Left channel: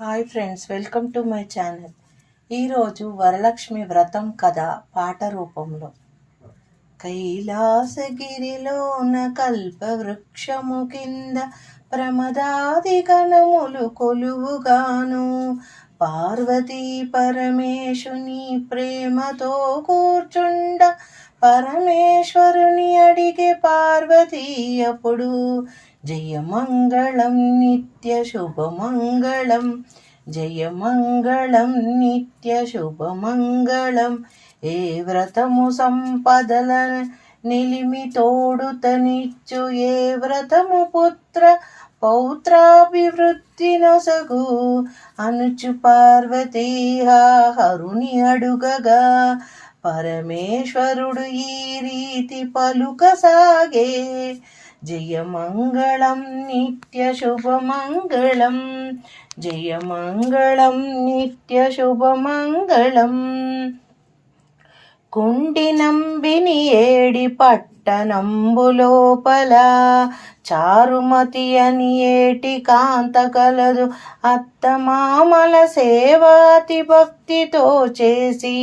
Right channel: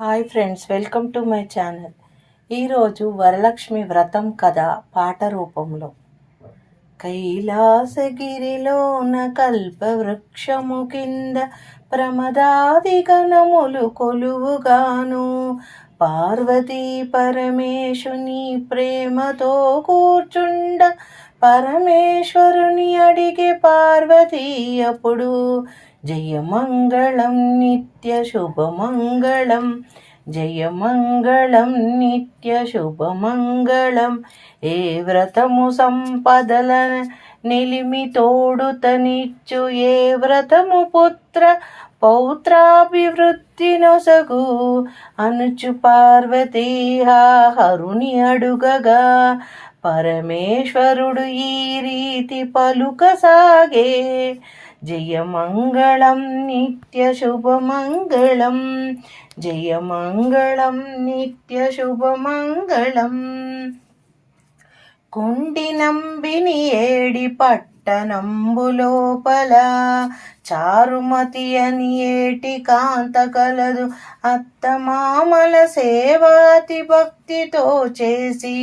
Hi friends welcome to my channel. ఈరోజు వరలక్ష్మి వ్రతం కథ పాట రూపంలో. కైలాసగిరిలోన కల్పవృక్షము కింద ప్రమదాది గణములు కొలువుగాను. పార్వతీ పరమేశుని ప్రేమతో కూర్చుండ పరమేశ్వరుని అడిగే పార్వతీ అప్పుడు జయమంగళం నిత్య శుభమంగళం. జయమంగళం నిత్య శుభమంగళం. ఏ వ్రతము సంపదల నిలిమి తోడుతనిచ్చు. ఏ వ్రతము పుత్ర పౌత్రాభివృద్ధి నొసగు. అనుచు పార్వతీ హరుని అడుగగా. పరమేశ్వరుడు ఈ రీతి పలుకసాగే. జయమంగళం నిత్య శుభమంగళం జయమంగళం నిత్య శుభమంగళం కుండి నంబిని ఏడి పట్టణంబు లోపల చారుమతి అని ఏటి కాంత కలదు అత్తమామల సేవాతి భక్తితో చేసి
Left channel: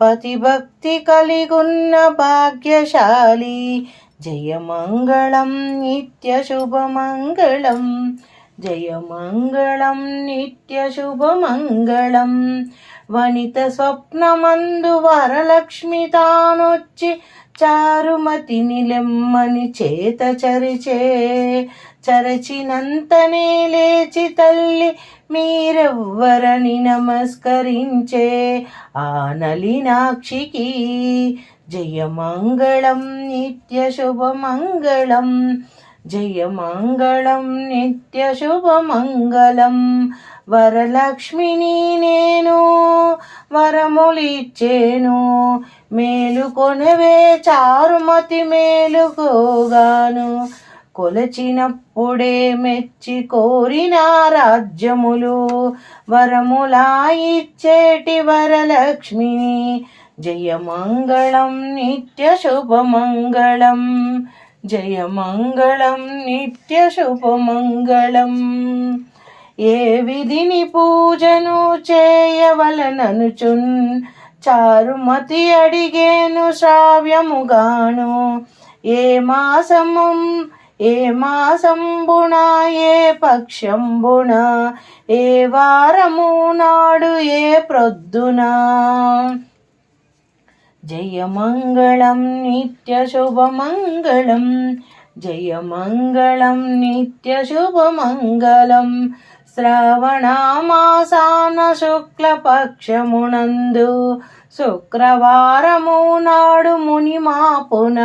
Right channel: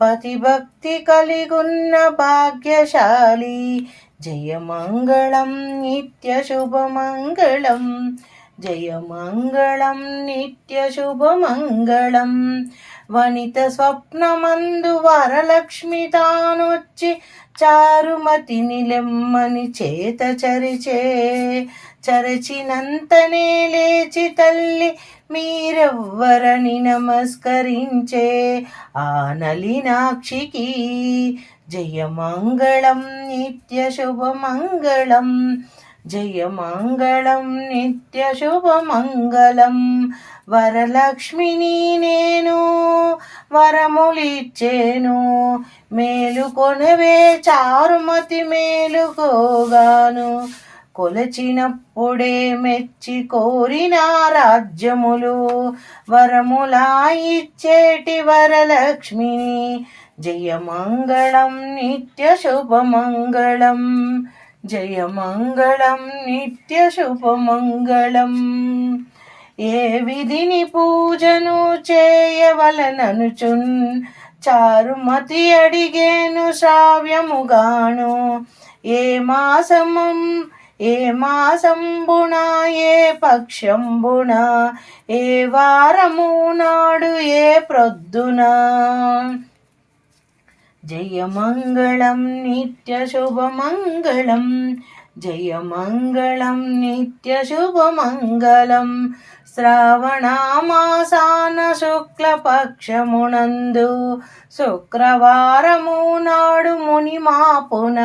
పతిభక్తి కలిగున్న భాగ్యశాలి జయమంగళం నిత్యశుభమంగళం జయమంగళం నిత్యశుభమంగళం. వనిత స్వప్నమందు వరలక్ష్మి తానొచ్చి చారుమతి నిలెమ్మని చేత చరిచే చరచినంతనే లేచి తల్లి మీరెవ్వరని నమస్కరించే ఆ నలినాక్షికి జయమంగళం నిత్య శుభమంగళం జయమంగళం నిత్య శుభమంగళం వరలక్ష్మిని నేను వరములిచ్చేను మేలుకొనవే చారుమతి మేలుకోగాను కొలచినప్పుడే మెచ్చి కోరిన రాజ్యములు వరములా ఇచ్చేటి వరలక్ష్మిని జయమంగళం నిత్య శుభమంగళం. జయమంగళం నిత్య శుభమంగళం. ఏ విధిని పూజను చేయవలననుచున్ చారుమతి అడిగేను శ్రావ్యముగాను. ఏ మాసమం ఏ మాసంబుణ ఏ పక్షంబుణ ఏ వారము నాడు ఏ ప్రొద్దున. జయమంగళం నిత్య శుభమంగళం. జయమంగళం నిత్య శుభమంగళం. శ్రావణమాసాన శుక్లపక్షమునందు శుక్రవారము నాడు మునిమాపున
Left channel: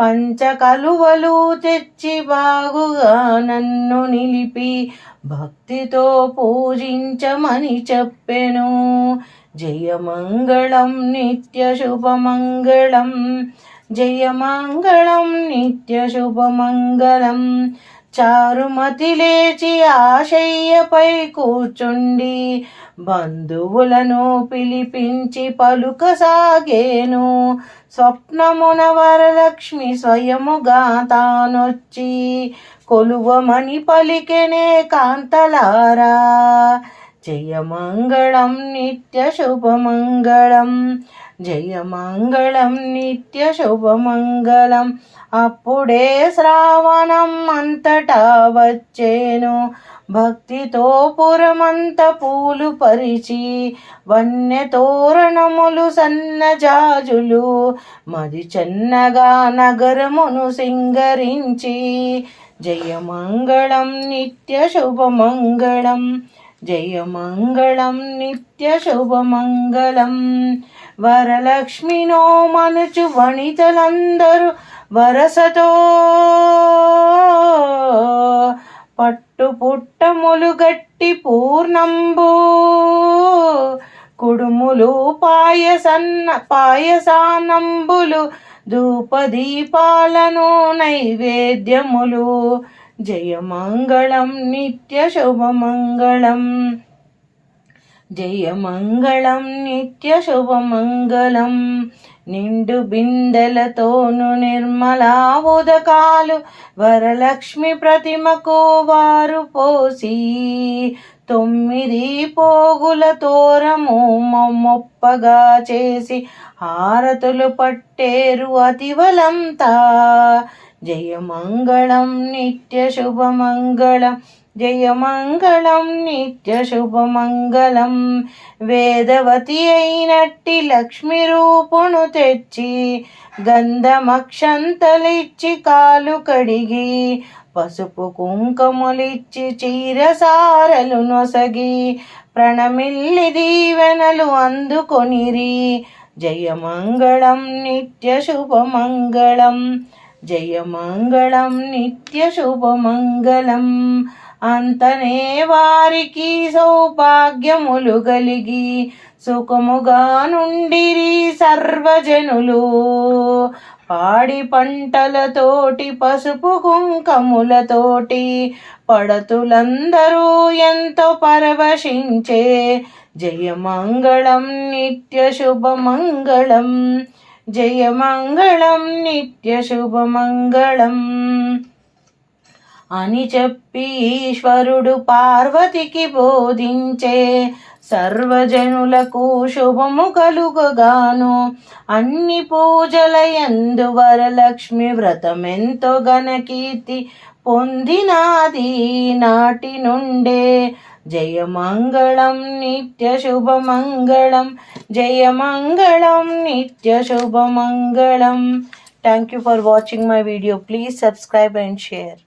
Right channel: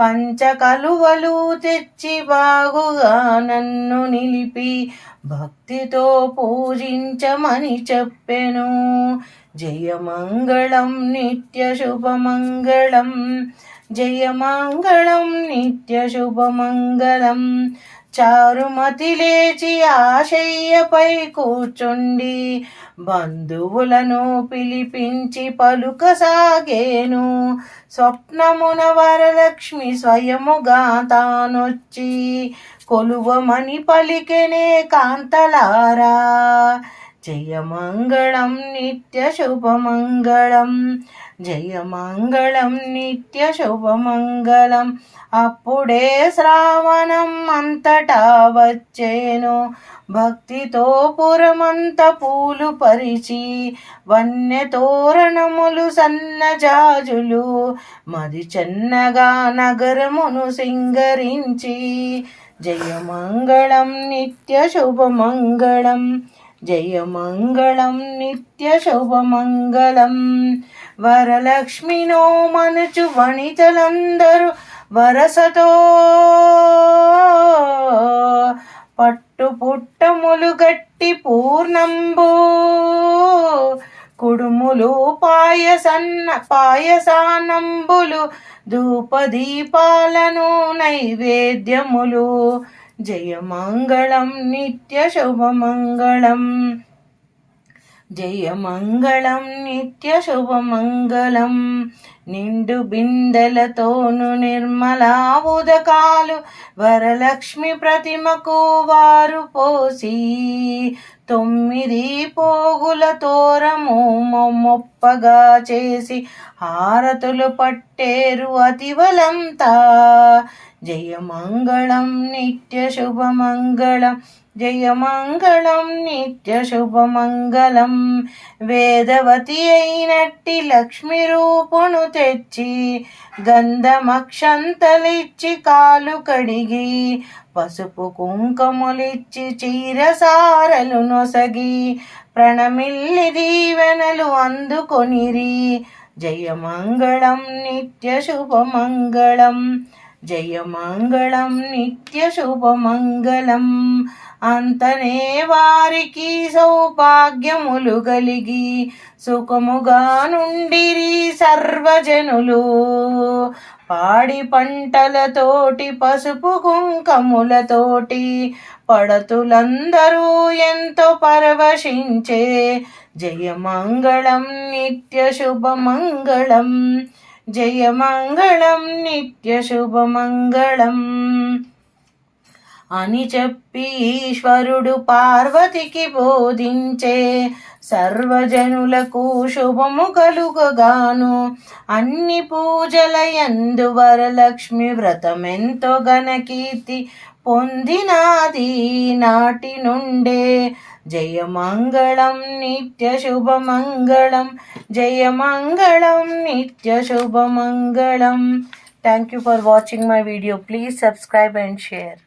పంచకలువలు తెచ్చి బాగుగా నన్ను నిలిపి భక్తితో పూజించమని చెప్పెను. జయమంగళం నిత్య శుభమంగళం జయమంగళం నిత్య శుభమంగళం చారుమతి లేచి ఆశయ్యపై కూర్చుండి బంధువులను పిలిపించి పలుకసాగేను. స్వప్నమున వరలక్ష్మి స్వయముగా తానొచ్చి కొలువమని పలికెనే కాంతలారా. జయమంగళం నిత్య శుభమంగళం. జయమంగళం నిత్య శుభమంగళం. అప్పుడే శ్రావణం అంతటా వచ్చేను. భక్తితో పురమంత పూలు పరిచి వన్య తోరణములు సన్నజాజులు మది చెన్నగా నగరమును సింగరించి. జయమంగళం నిత్య శుభమంగళం. జయమంగళం నిత్య శుభమంగళం. వరలక్ష్మినో మనుచు వణితలందరూ వరసతో పట్టు పుట్టములు గట్టి పూర్ణంబు. కుడుములు పాయసన్న పాయసానంబులు ధూపదీపాలను నైవేద్యములు జయమంగళం నిత్య శుభమంగళం. జయమంగళం నిత్య శుభమంగళం. నిండు బిందెలతోను నిర్మలా ఉదకాలు వరలక్ష్మి ప్రతిమకు వారు పోసి తొమ్మిది పోగుల తోరము మొప్పగా చేసి హారతులు పట్టేరు అతివలంతా. జయమంగళం నిత్య శుభమంగళం. జయమంగళం నిత్య శుభమంగళం. వేదవతి అయినట్టి లక్ష్మి రూపును తెచ్చి గంధమక్షంతలిచ్చి కాలు కడిగి పసుపు కుంకుమలిచ్చి చీరసారలు నొసగి ప్రణమిల్లి దీవెనలు అందుకొనిరి. జయమంగళం నిత్య శుభమంగళం. జయమంగళం నిత్య శుభమంగళం. అంతనే వారికి సౌభాగ్యములు కలిగి సుఖముగా నుండిరి సర్వజనులు. పాడి పంటలతోటి పసుపు కుంకములతోటి పడతులందరూ ఎంతో పరవశించే జయమంగళం నిత్య శుభమంగళం. జయమంగళం నిత్య శుభమంగళం. అని చెప్పి ఈశ్వరుడు పార్వతికి బోధించే సర్వజనులకు శుభము కలుగగాను. అన్ని పూజల ఎందు వరలక్ష్మి వ్రతమెంతో ఘనకీర్తి పొందినాది. నాటి నుండే జయమంగళం నిత్య శుభమంగళం జయమంగళం నిత్య శుభమంగళం thank you for watching my video please subscribe and share